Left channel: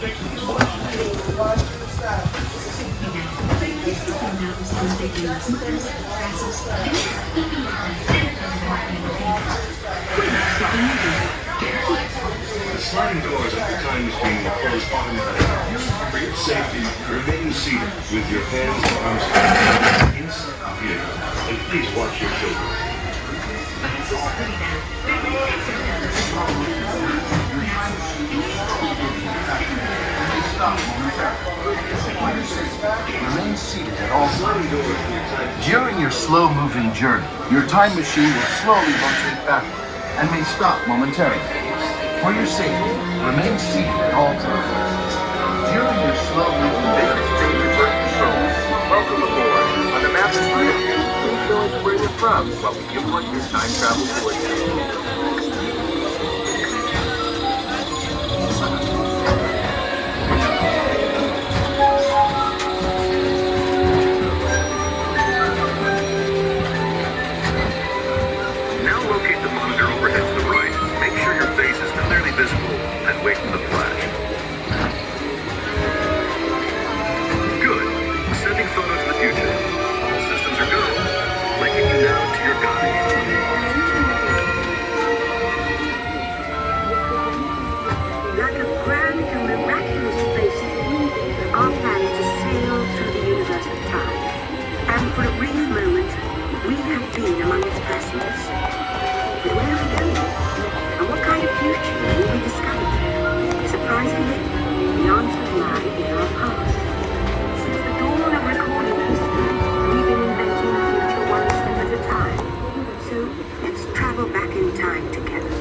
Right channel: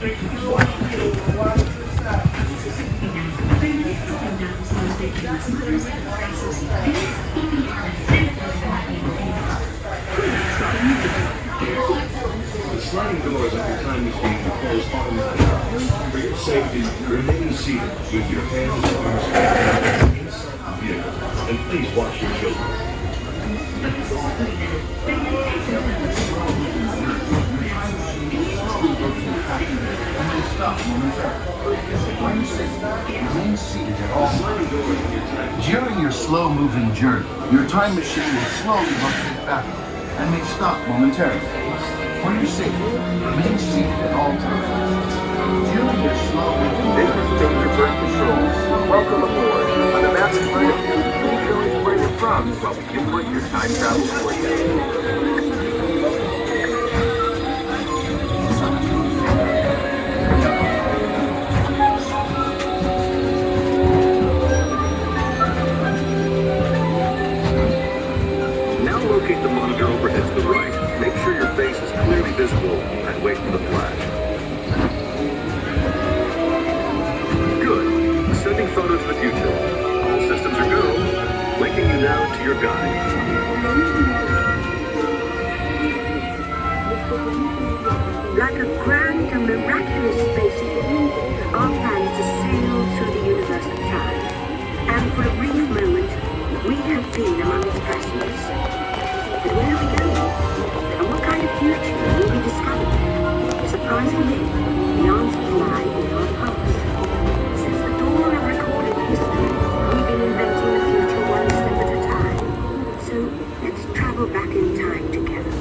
The sliding doors at the time machine will close automatically. For your safety, remain seated with your hands and arms inside the vehicle, and please watch your children. Remain seated at all times. During your slow-moving journey, your time machine will slowly rotate backward and may stop momentarily. For your safety, remain seated at all times. During your slow-moving This is Station Bird Control. Welcome aboard. On the map in front of you, please show us where you're from while we input your time travel coordinates. Locate the monitor overhead to the right. Make sure your face is clearly visible and wait for the flash. Good. Sending photos of the future. All systems are go. Linking you now to your guide. Like a grand and miraculous spaceship, our plan is to sail through the universe of time. And for a brief moment, we have been among its passengers. But where have we been? And what kind of future will we discover? Surprisingly, the answers lie in our past. Since the dawn of recorded history, we've been inventing the future one step at a time. So let's travel back in time together.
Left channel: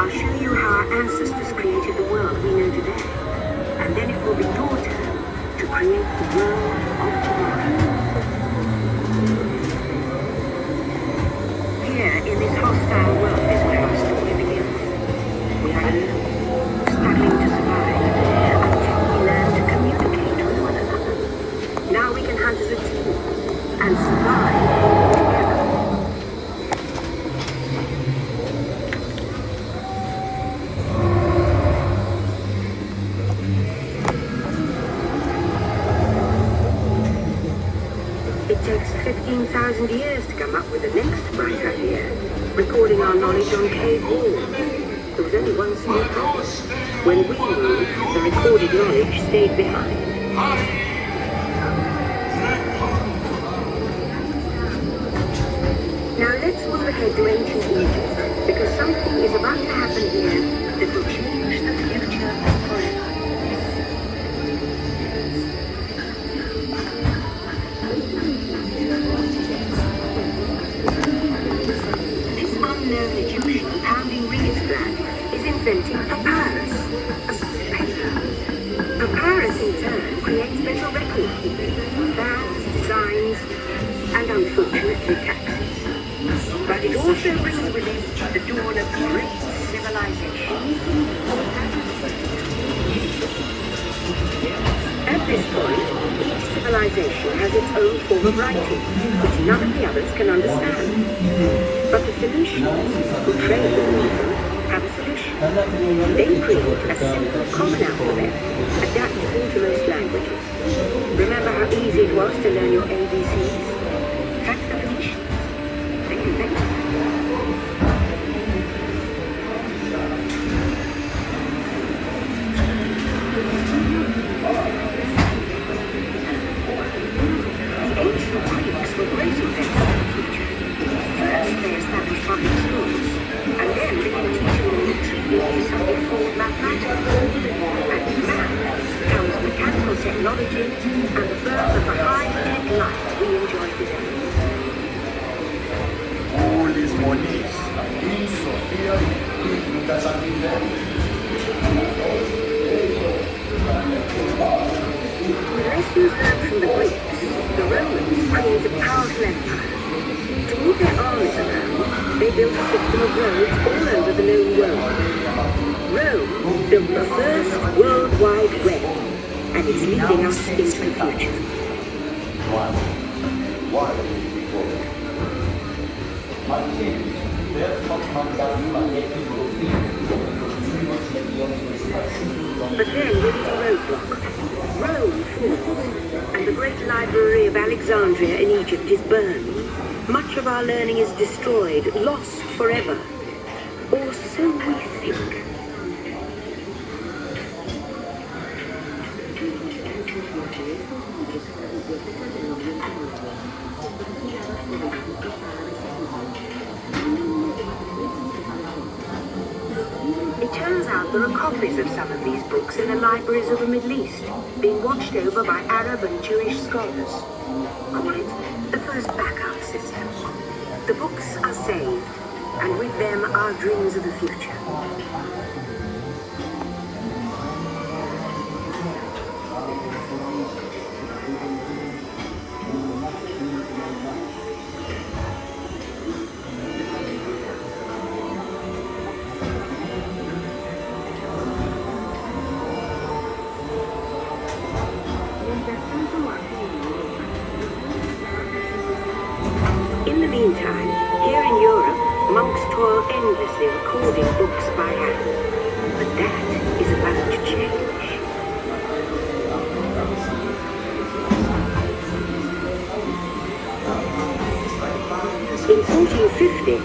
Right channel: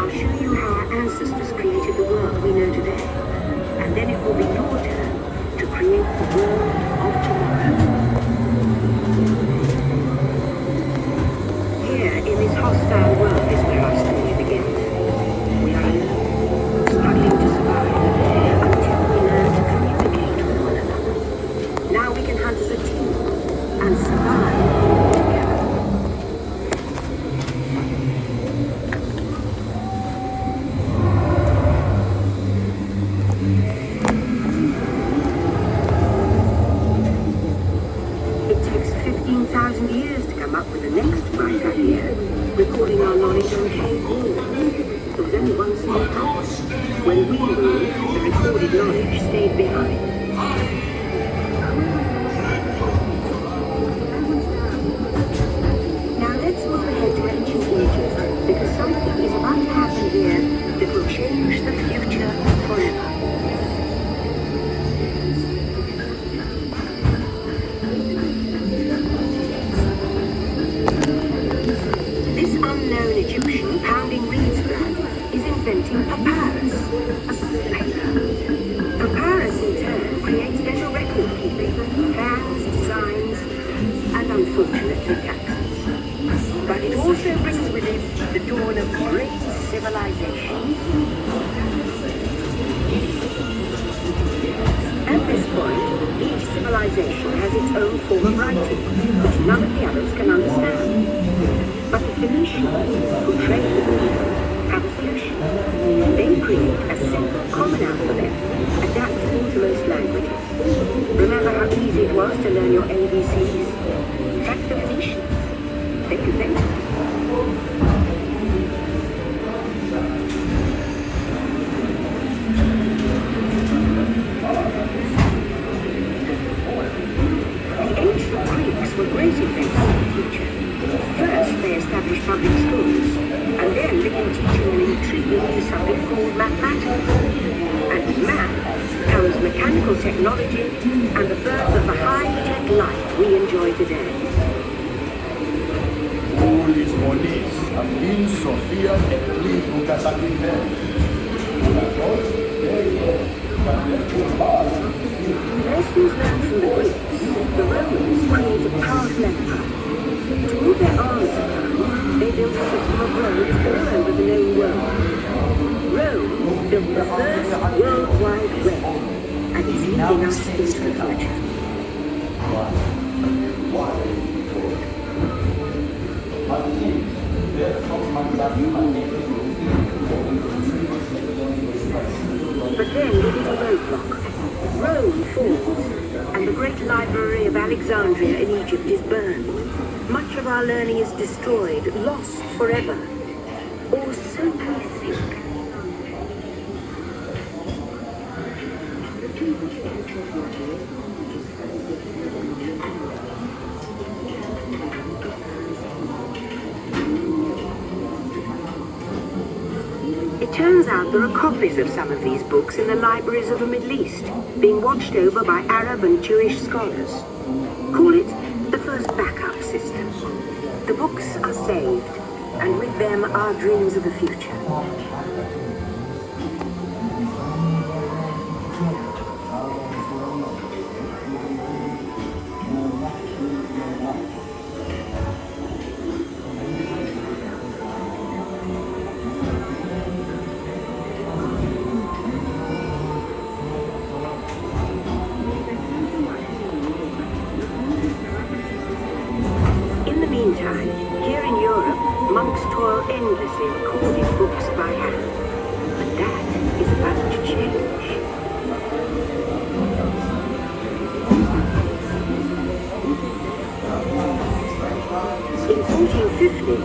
I'll show you how our ancestors created the world we know today. And then it will be your turn to create the world of tomorrow. Here, in this hostile world, is where our story began. We are here, struggling to survive, until we learn to communicate with one another. Now we can hunt as a team, and survive together. It takes 15,000 years to come up with the next bright idea, recording our knowledge on cave walls. There was only one small when we moved, the recorded knowledge stayed behind. Now let's move ahead to ancient Egypt, because something is about to happen here that will change the future forever. This unknown Egyptian pounding Reed's flag is inventing papyrus, a paper. Papyrus in turn creates better record keeping, plans, designs, and unfortunately taxes. But it also brings with it the dawn of great civilization. At this point, each civilization has its own form of writing, which none of the others can understand. But the Phoenicians, who trade with one another, have a solution. They create a simple common alphabet, adaptable to most languages. Remember how easy it was to learn your ABCs? That's the Phoenicians. They invented it. Ancient Greeks were great inventors of the future. First, they established modern schools, and then began teaching them the treatment of something called mathematics. And math becomes mechanical technology, and the birth of the high-tech life we enjoy today. All these monies of Queen Sophia. With lessons learned from the Greeks, the Romans created powerful empires. To move their armies around, they built a system of roads all over the known world. Rome built the first worldwide web, and is leading us into the future. But then we hit a roadblock. Rome falls, and the great library of Alexandria in Egypt is burned. Much of our learning is destroyed, lost forever. Or so we think. It turns out there are copies of some of these books in the libraries of the Middle East, being watched over by Arab and Jewish scholars. Call it the first backup system. The books are saved, and with them our dreams of the future. Meantime, here in Europe, monks toil endlessly recording books by hand. But that is about to change. In 1450,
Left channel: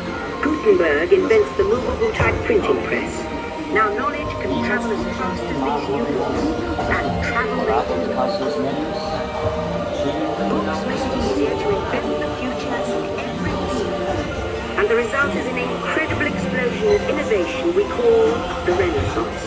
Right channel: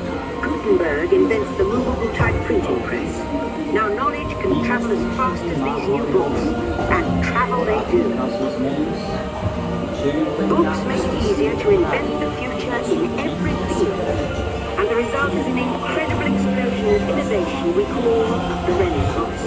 Gutenberg invents the movable type printing press. Now knowledge can travel as fast as these new books, and travel they do. The books make it easier to invent the future in every field. And the result is an incredible explosion of innovation we call the Renaissance.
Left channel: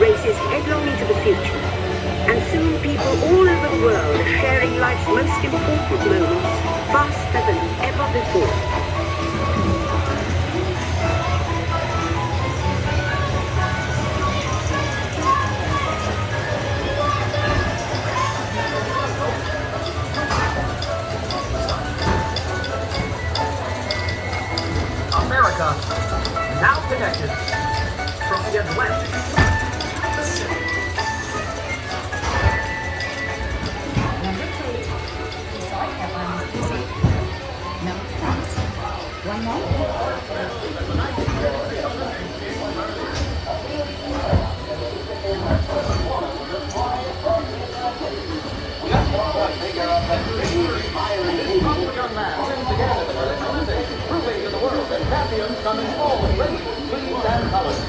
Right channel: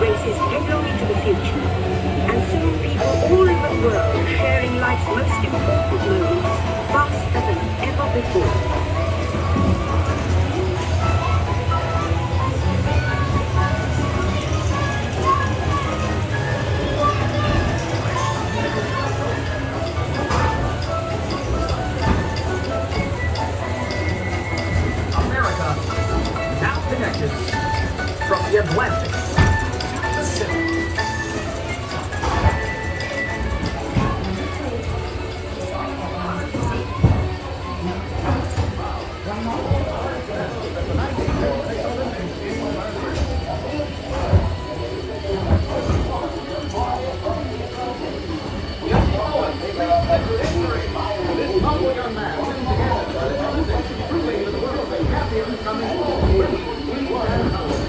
Races headlong into the future, and soon people all over the world are sharing life's most important moments faster than ever before. America, now connected from the Atlantic.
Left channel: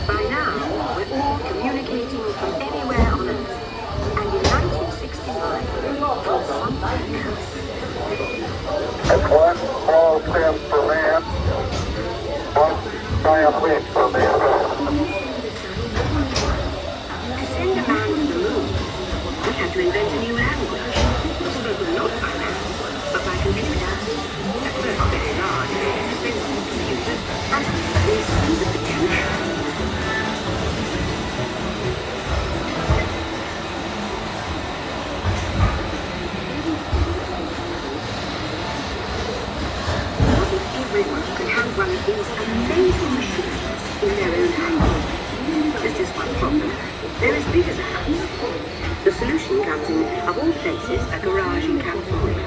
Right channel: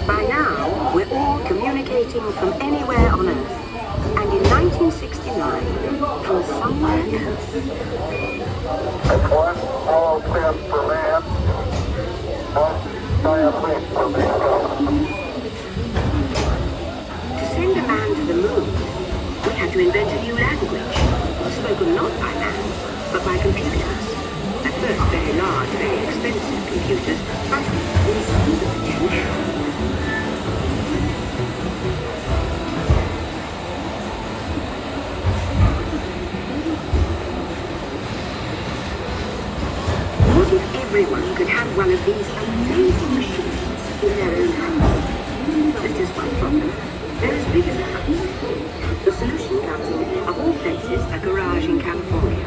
By now, we're all communicating from anywhere on Earth. And in 1969, from somewhere else. That's one small step for man, one giant leap for mankind. To send a man to the moon, we had to invent a new language, spoken not by man, but by computer. At first a very large, very expensive computer, but we see the potential. What if everyone could have one of these amazing machines in their own house? There's just one problem. They're as big as a house. The solution comes in, of all places, a garage in California.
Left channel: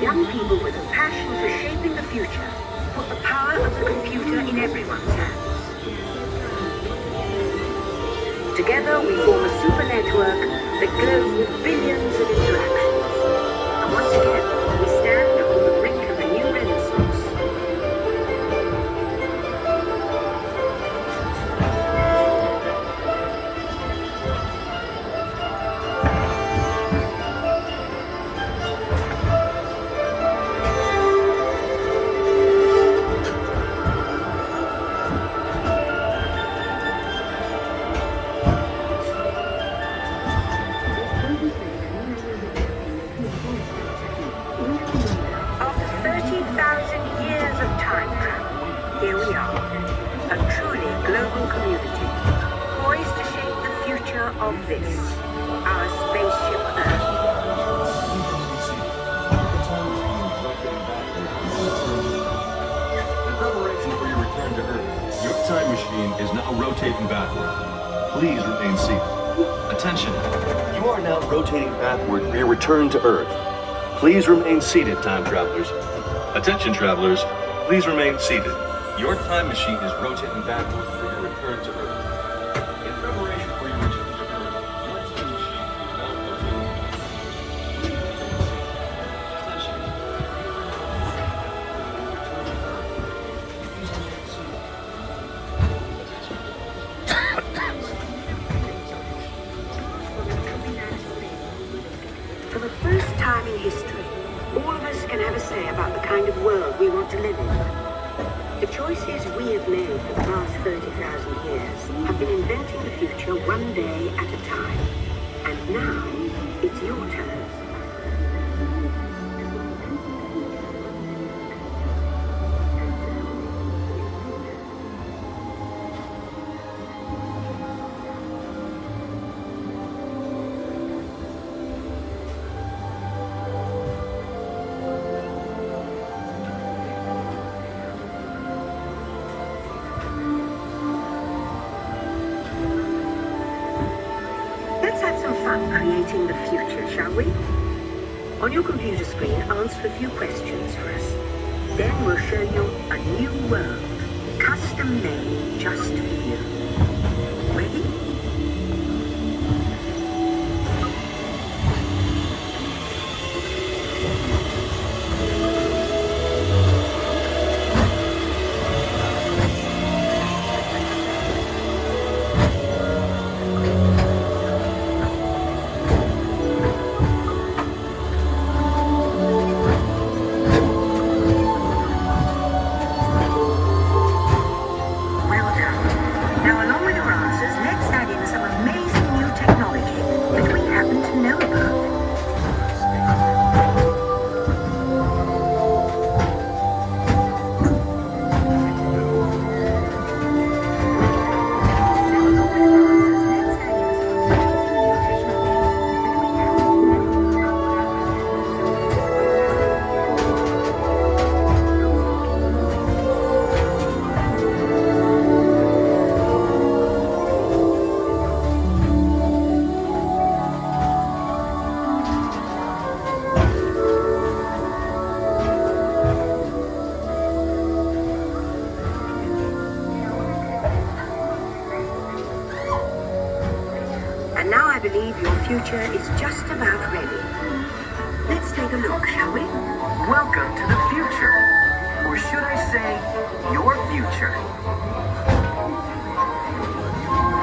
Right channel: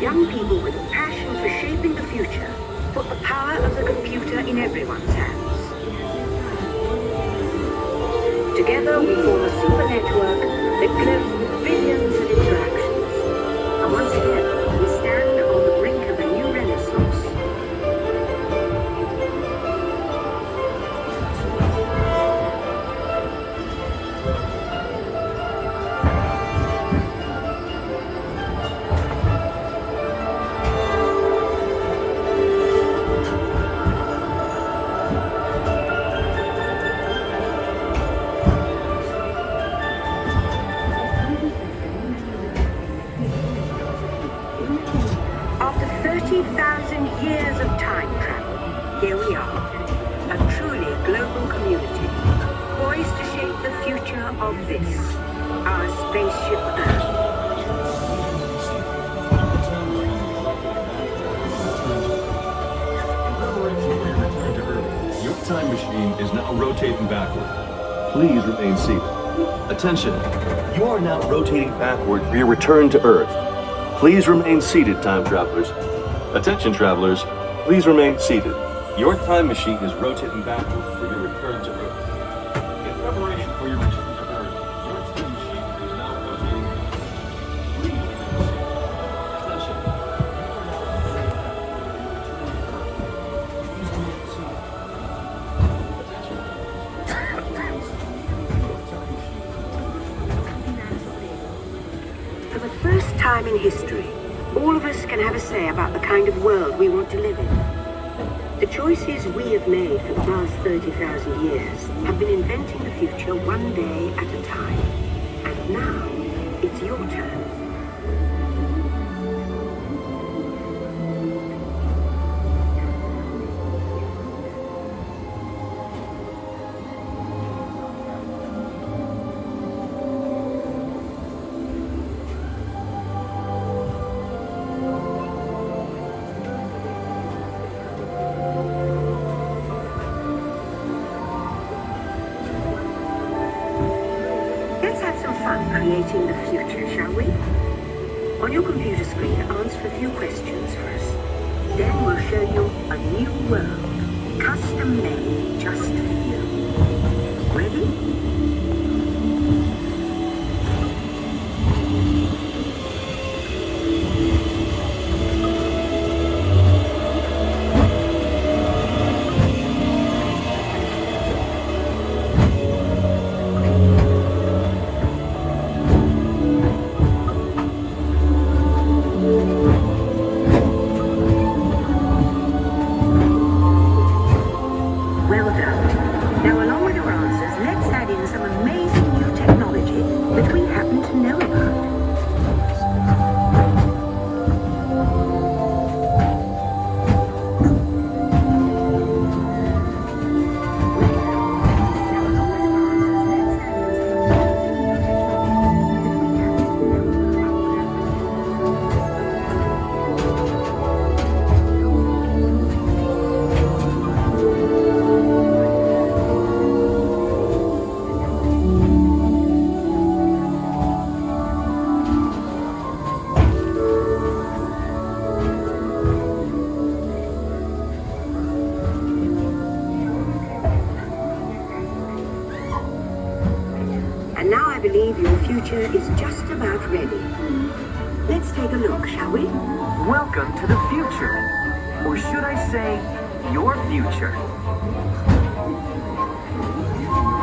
Young people with a passion for shaping the future put the power of the computer in everyone's hands. Together we form a super network that glows with billions of interactions. And once again, we stand on the brink of a new renaissance. here we are, a truly global community, poised to shape the future of this, our spaceship Earth. Your time machine is now rotating backward. Please remain seated. Attention. You are now rotating backward for your return to Earth. Please remain seated, time travelers. Attention, travelers. Please remain seated. Your time machine is rotating backward for your return to Earth. In preparation for your return to Earth, your time machine is now rotating backward. Attention. For the first time in history, all of us can have a say about the kind of world we want to live in. The choices we have made for the last 30,000 years have been inventing the future one day at a time. And now, it's your turn. Let's have some fun creating the future, shall we? On your computer screen, answer a few questions for us. Then we'll show you a new world, custom-made just for you. Ready? Well done. Now, along with your answers, let's add in some amazing new technology that we happen to know about. And now I believe your future is just about ready. Let's take a look, shall we? Welcome to the future. Or should I say, your future.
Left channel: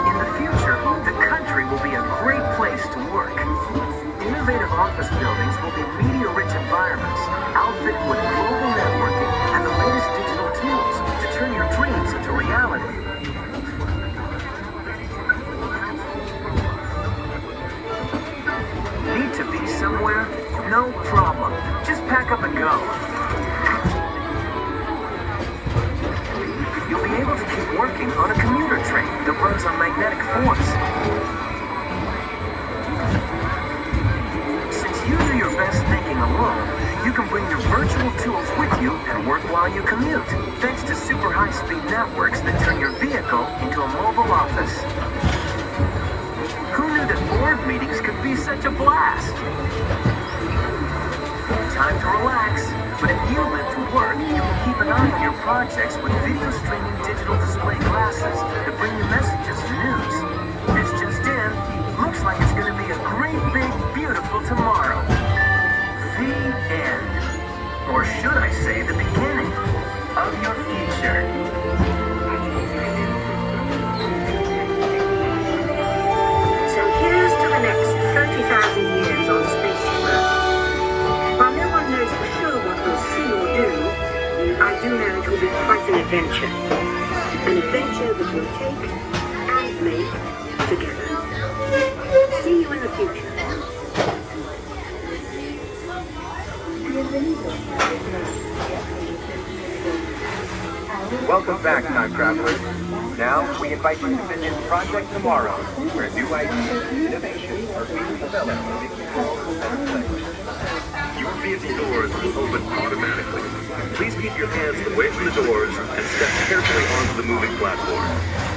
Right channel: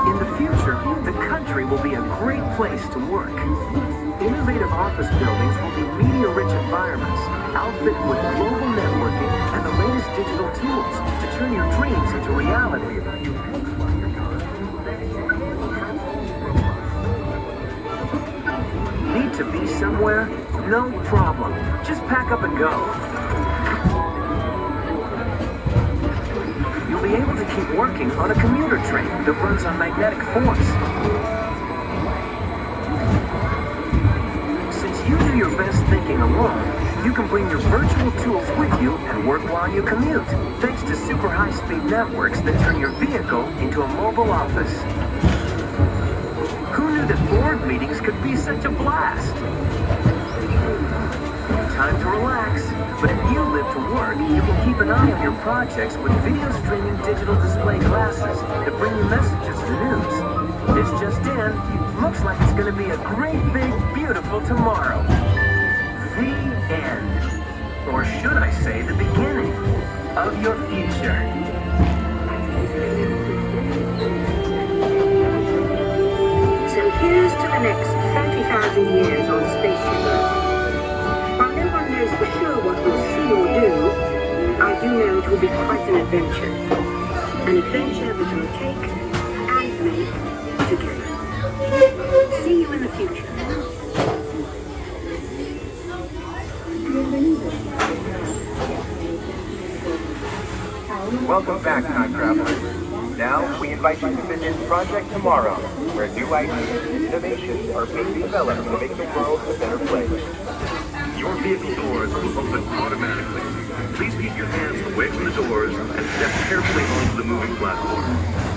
In the future, the country will be a great place to work. Innovative office buildings will be media-rich environments, outfitted with global networking and the latest digital tools to turn your dreams into reality. Need to be somewhere? No problem. Just pack up and go. You'll be able to keep working on a commuter train that runs on magnetic force. Since you do your best thinking alone, you can bring your virtual tools with you and work while you commute, thanks to super high-speed networks that turn your vehicle into a mobile office. Who knew that board meetings could be such a blast? Time to relax, but if you live to work, you can keep an eye on your projects with video streaming digital display glasses that bring you messages and news. This just in, looks like it's going to be a great, big, beautiful tomorrow. The end. Or should I say the beginning of your future. So here's to the next 30,000 years on Spaceship Earth. While no one knows for sure what we'll see or do, I do know it will be quite an adventure. An adventure that we'll take and make together. See you in the future. Welcome back, time travelers. Now, we invite you to visit Project Tomorrow, where new ideas and innovations are being developed to make the world a better place. Your vehicle doors will open automatically. Please keep your hands away from the doors and step carefully onto the moving platform.